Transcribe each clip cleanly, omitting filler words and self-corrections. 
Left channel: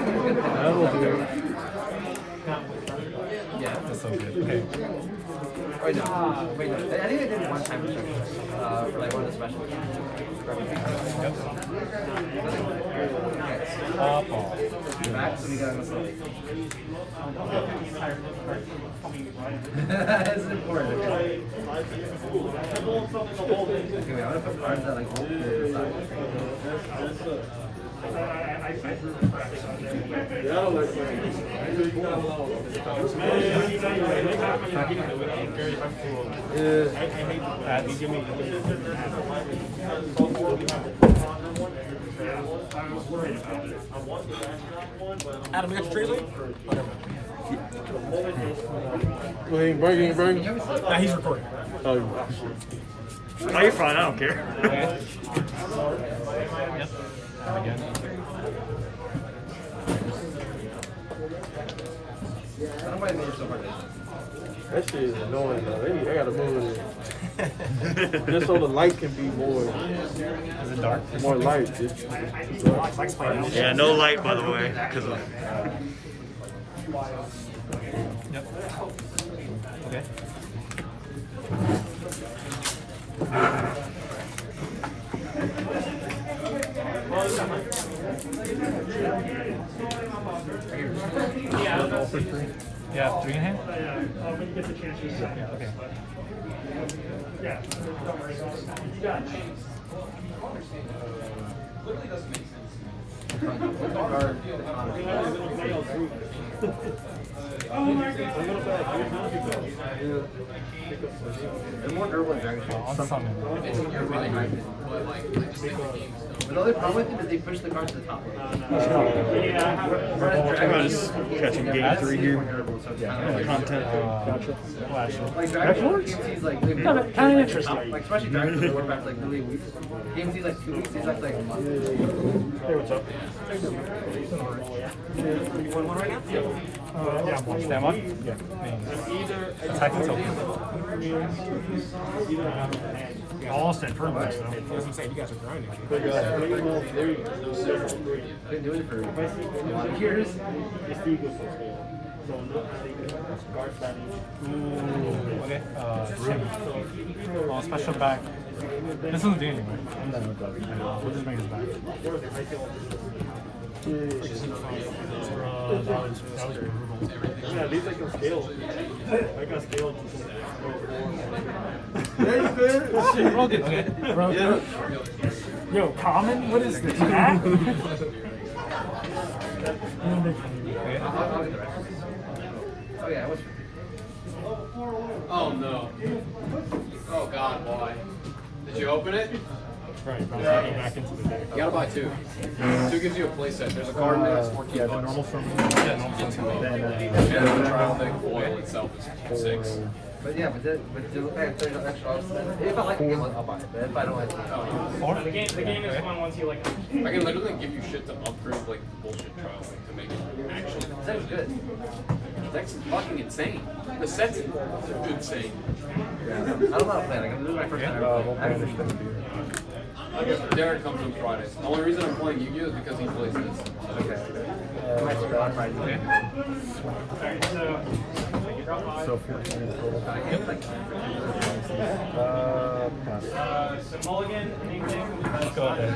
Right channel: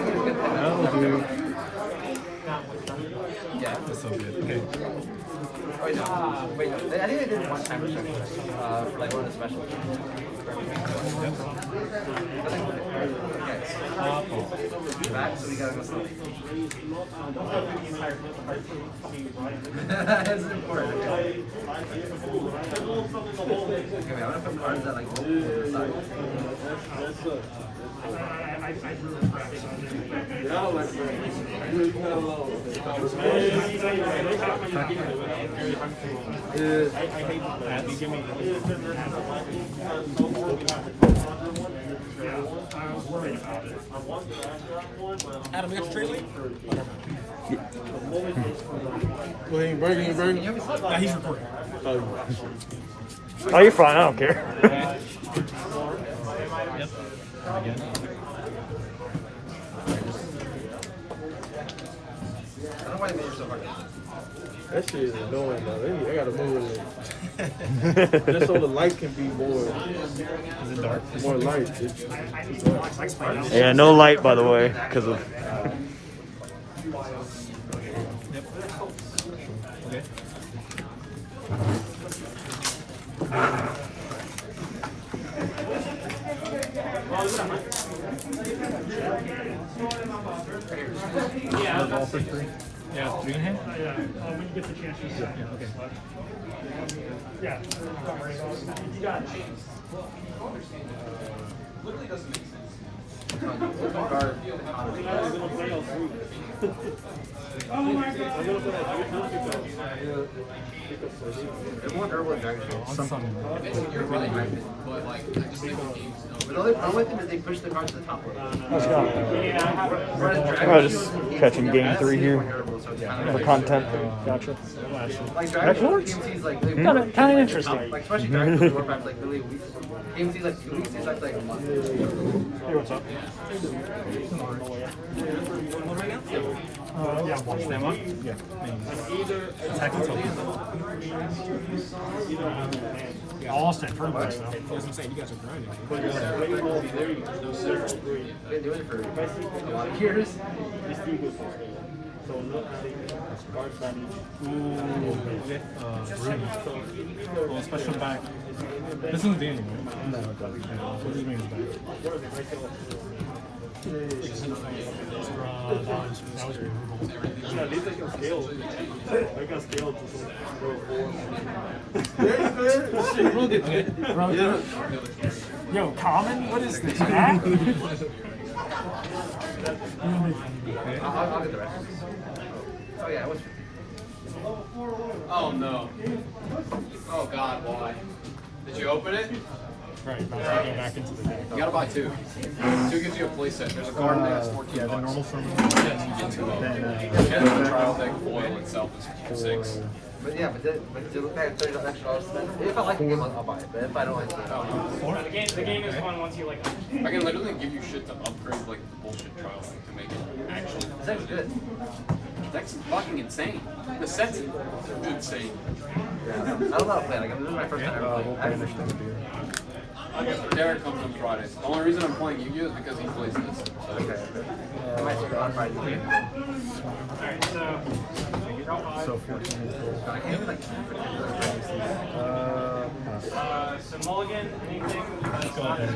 That will do. That's so good. Okay. I think I did one time like one of the special Pop off. That's important. Anyway, I'm gonna put cards that like Adam, you're straight late? Bring. Yeah, he's recording. Oh, you're fine. I don't care. That shit is annoying though. I gotta move it. Just so the light can be more. Is it dark? More light. Yeah, no light, by the way, because of. Yep. Okay. All for three. Yeah, 3 in hand? When you get the chance, you say. Yeah, okay. Yeah. You got it. On summon. The only problem with them is they push the cards to the top. I'm gonna just catching game 3 here for content. Kind of interesting. Like, especially cards that work out like really weeks. Games these like 2 weeks, these like a month. Hey, what's up? You want one right now? Yeah, I'm watching. Stand one? Yeah. Attack and I'll stand turn by though. He doesn't say you guys are grinding. They're doing for Here's so not adding cards that Ooh, okay. Well, special back. This isn't doing anything. No, it doesn't. We'll just bring it back. That was brutal. Yeah, at least I can scale. I can scale to some 4. Okay, bro. Yo, common? What is this, man? Oh no. Oh god, why? Did you open it? Right, about to go back into the deck. You gotta buy 2. 2 gives you a playset. There's a card that has 14 Yeah, the cards. normal summon. Then, And the trial deck foil itself is 6. But yeah, but to look at it, if I like the game, I'll buy it. But if I don't like it, Four? The game is fun once you like. I can literally give you shit to upgrade like bullshit trial thing to make it actually. that's good. That's fucking insane. The sets are insane. I don't love playing. This is my first time. we'll banish the beer. Derek comes on Fridays. The only reason I'm playing Yu-Gi-Oh is because he plays this. Okay. So 14 in total. Pass. So Mulligan, anything? Go ahead.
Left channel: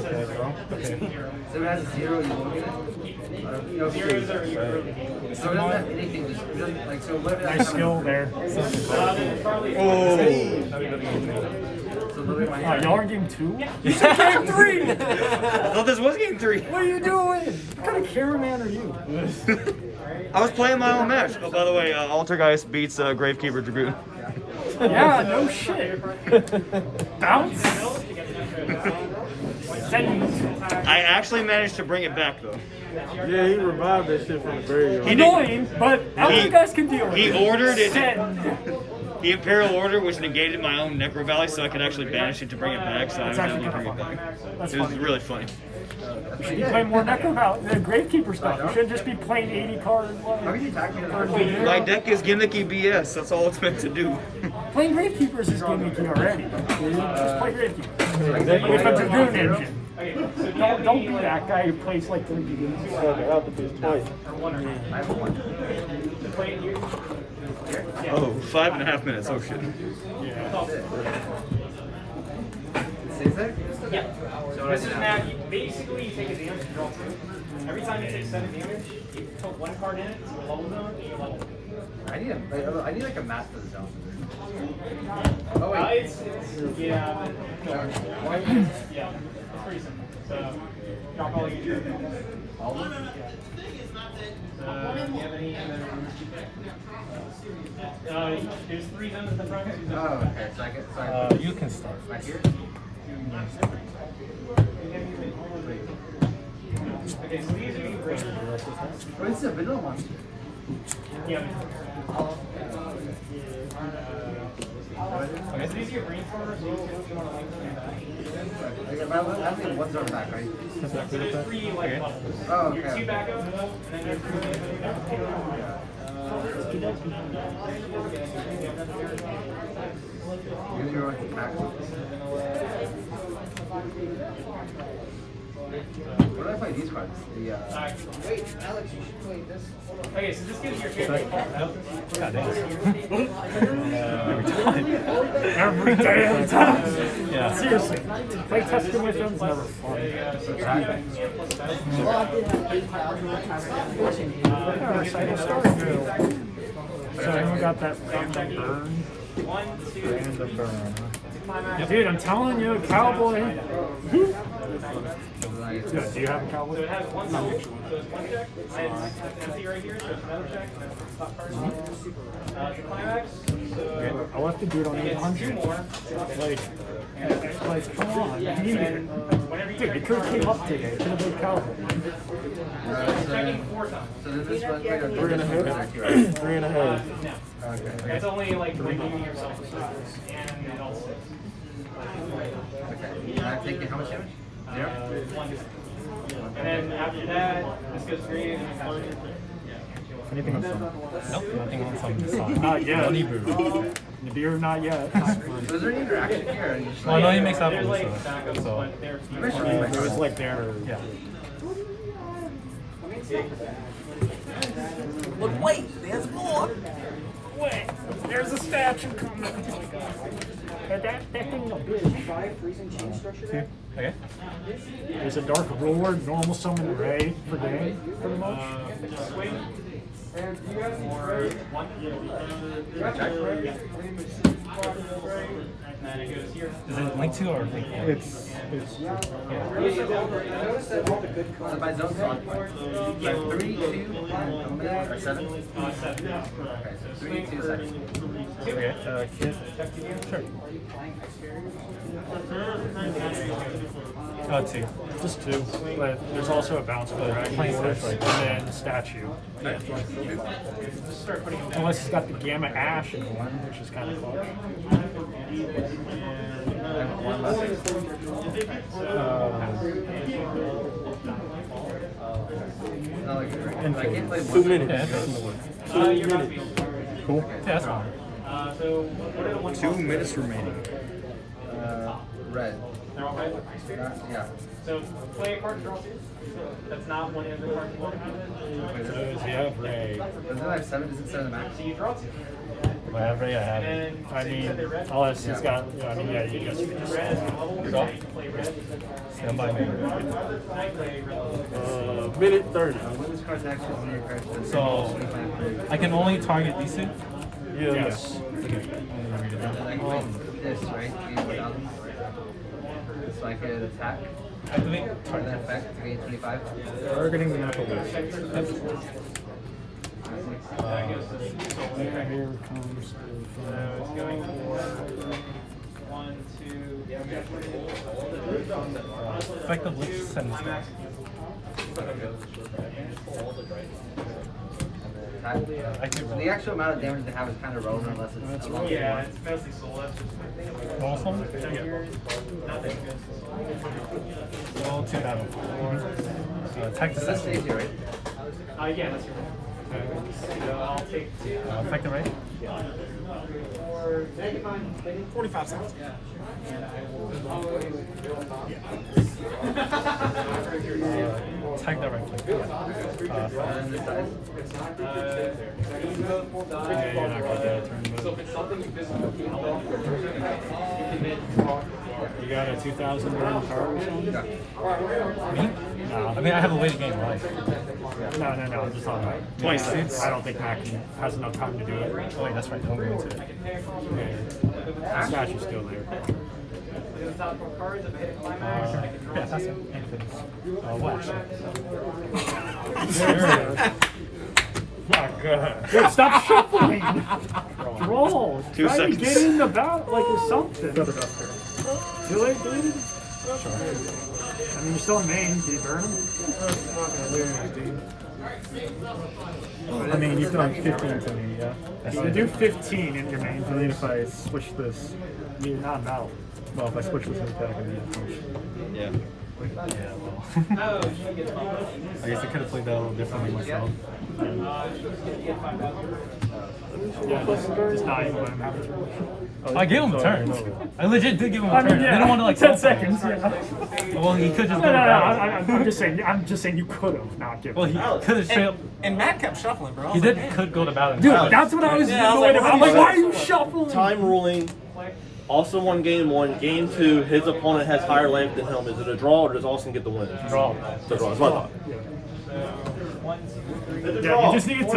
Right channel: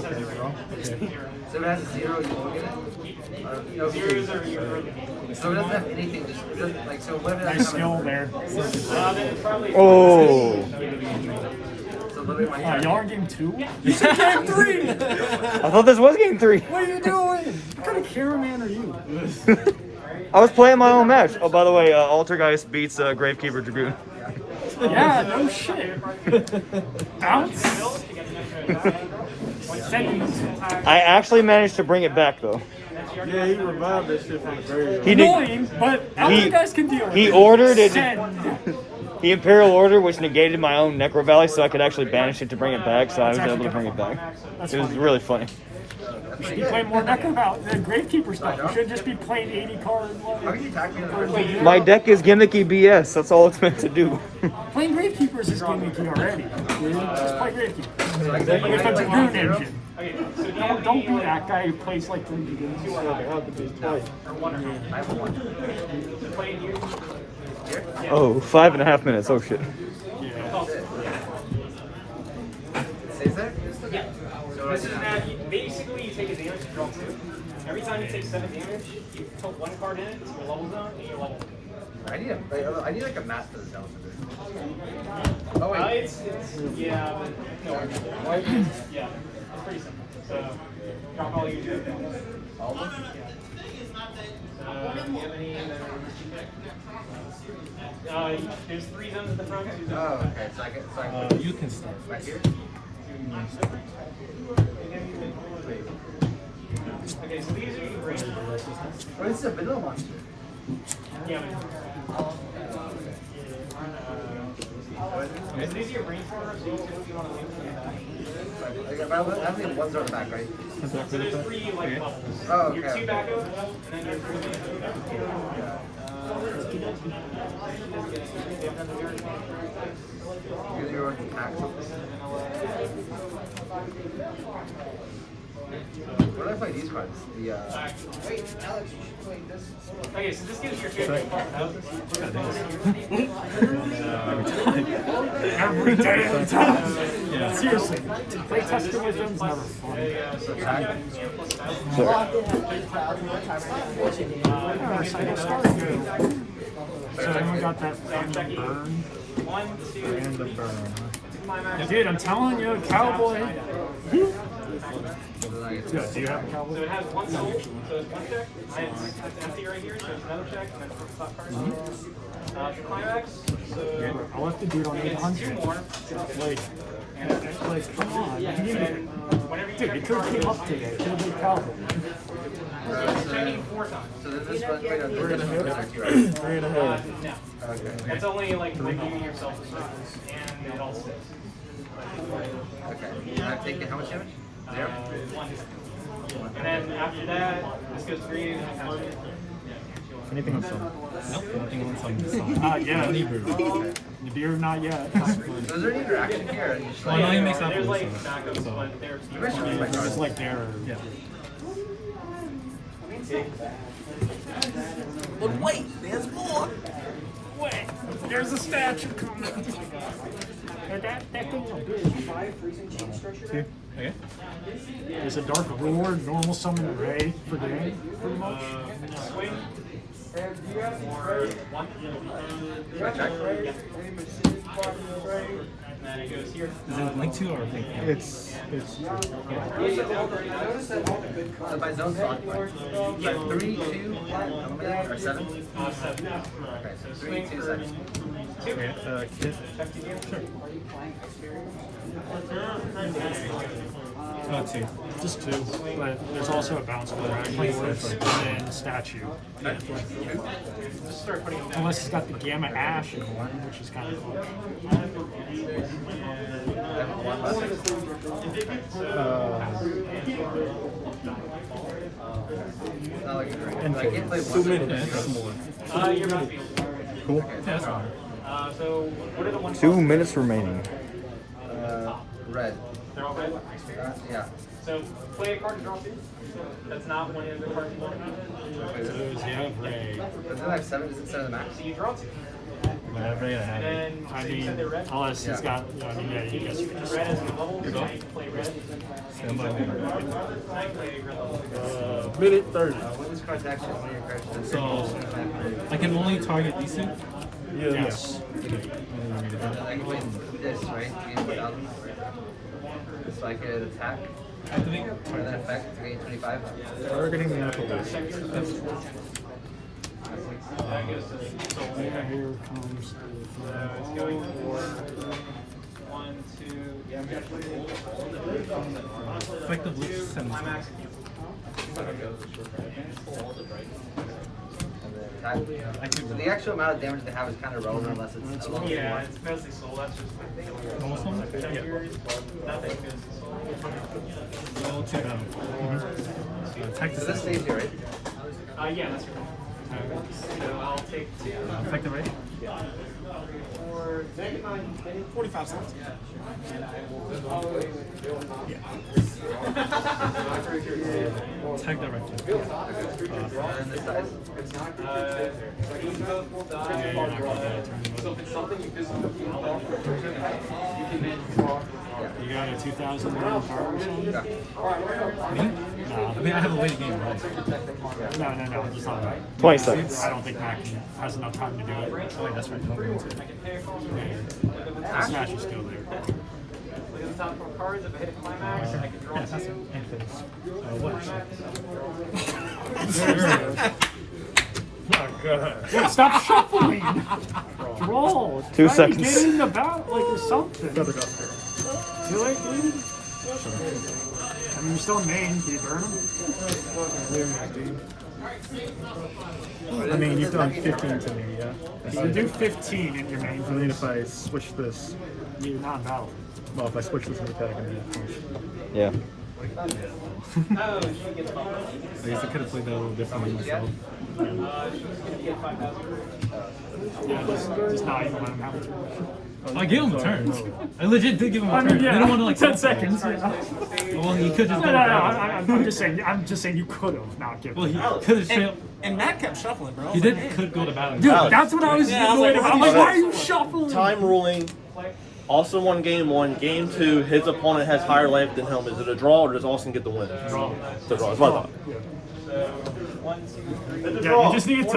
Okay, well, okay. So it has a 0, you look at it. Zeros are your So it doesn't have anything. Like, so what? Nice skill there. Oh! So literally my Y'all are in game 2? You said game 3! I thought this was game 3. What are you doing? What kind of cameraman are you? I was playing my own match. Oh, by the way, Altergeist beats Gravekeeper Dragoon. Yeah, no shit. Bounce? I actually managed to bring it back though. Yeah, he revived that shit from the grave. He Annoying, but other guys can deal with it. He ordered it. Send. the Imperial Order, which negated my own Necro Valley, so I could actually banish it to bring it back. So I was That's able to actually bring it kinda back. fun. That's It was funny. really funny. You should be playing more Necro the Gravekeeper stuff. You shouldn't just be playing 80 cards. Like, My deck is gimmicky BS. That's all it's meant to do. playing Gravekeepers is gimmicky already. Dude. Just play Gravekeepers with a Dragoon engine. Don't be that guy who plays like the Dragoons. Oh, 5.5 minutes. Oh shit. Yeah. This is now, basically you take a damage and draw 2. Every time you take 7 damage, you put 1 card in it, your level zone, and your level. I need like a map for this now. It's yeah, but no, yeah, it's pretty simple. So, drop all your trade. All of them? Do you have any in the there's 3 zones at the front. Oh, okay. So I can You can start. right here. Okay, so these are your great. Oh, this is a vanilla one. Yeah. So these are your brainstormers. You'll see what you want to link to them back. I think one's on the back, right? So there's 3 like levels. Oh, Your 2 okay. backup, and then your 3 You're right. What if I these cards? The Okay, so this gives your favorite Every day of the time. Yeah. Seriously, play testing with them is never fun. Yeah, recital start. So anyone got that random burn? Random burn, huh? Dude, I'm telling you, cowboy. Yo, do you have a cowboy? So it has 1 soul, so it's 1 check. It's empty right here, so it's another check, and then it's flat first. The climax, so I left the dude on 800. Like, come on, I need it. Dude, it could have came up today. Could have been cowboy. checking 4 times. So there's this one card. 3.5. Okay. It's only like redeeming yourself with service, and it all sticks. Okay. I take it. How much? And then after that, this goes 3 and Anything on some? Nope, nothing on some. Not yet. Only brew. The beer, not yet. Was there any interaction here? Well, I know he makes apples, like so. backups, so. but they're It was like there. Yeah. But wait, there's more. Wait, there's a statue coming. That thing no big. Here. Okay. There's a dark ruler, normal summon ray per game, pretty much. Is it linked to or it's By zone like 3, 2, or 7? Okay, so 3, 2, 7. okay. Kid. Sure. Let's see. Just 2. But there's also a bounce for dragon force and then statue. Unless he's got the gamma ash in one, which is kind of clutch. Infinite. 2 minutes. Yeah, that's more. Cool. Yeah, that's fine. so what are the ones? 2 minutes remaining. Red. They're all good. Yeah. So play a card, draw 2. That's not one of the cards you want. Does he have ray? Doesn't it have 7? Is it 7 max? So you draw 2. Whatever, yeah, I have it. And I so you said they're mean, red. unless he's got, I mean, yeah, you guess you can just sell out. Good call. Play red. Stand by me. Minute 30. This card's actually on your card. So, I can only target these two? Yes. I can win this, right? So I can attack. Activate. Target effect, 325. Targeting the apple base. Yeah, here comes It's going for 1, 2. Effectively send this back. Attack. Actually, The actual amount of damage they have is kind of relevant unless it's a long Yeah, it's mostly soul. That's just normal summon? nothing against the soul. Roll 2 battle. Attack the That stays session. here, right? Yeah, that's right. I'll take 2. Effective rate? 45 cents. Attack directly. Yeah, you're not gonna get a turn, but you got a 2,000 burn card or something? Me? No, I mean, I have a late game life. no, I'm just talking about. 20 seconds. I don't think Mac has enough time to do it. Oh, wait, that's right. Don't go into it. Yeah, the stash is still there. The top 4 cards of a hit climax. Yeah, that's it. And finish. What actually? Dude, stop shuffling! Draw! 2 Try seconds. to get in the battle, like, or something. Double duster. Too late, dude? I mean, you're still in main. Can you burn him? I mean, you've done 15 to me, yeah? You can do 15 in your main I mean, phase. if I switch this, You're not in battle. well, if I switch this new attack and then punch. Yeah. I guess I could have played that a little differently myself. Yeah, just not even let him have a turn. I gave him a turn. I legit did give him a I turn. mean, yeah, I didn't want to like 10 go for it. seconds, yeah. Well, he could just No, go I'm just saying. I'm just saying you could have not given. Well, he him. could have straight up. And Matt kept shuffling, bro. I He was did like, could go to battle. Dude, that's what I was Yeah, I was annoyed like, about. I'm like, what why are are you you shuffling? Time ruling. Also won game 1. Game 2, his opponent has higher life than him. Is it a draw or does Austin get the win? Draw. The draw. It's my fault. Yeah, you just needed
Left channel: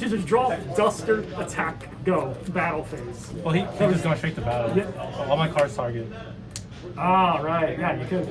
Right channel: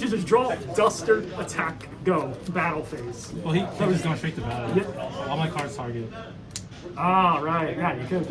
to just draw, duster, attack, go, battle phase. Well, he was going straight to battle. Yep. All my cards target. Ah, right. Yeah, you could have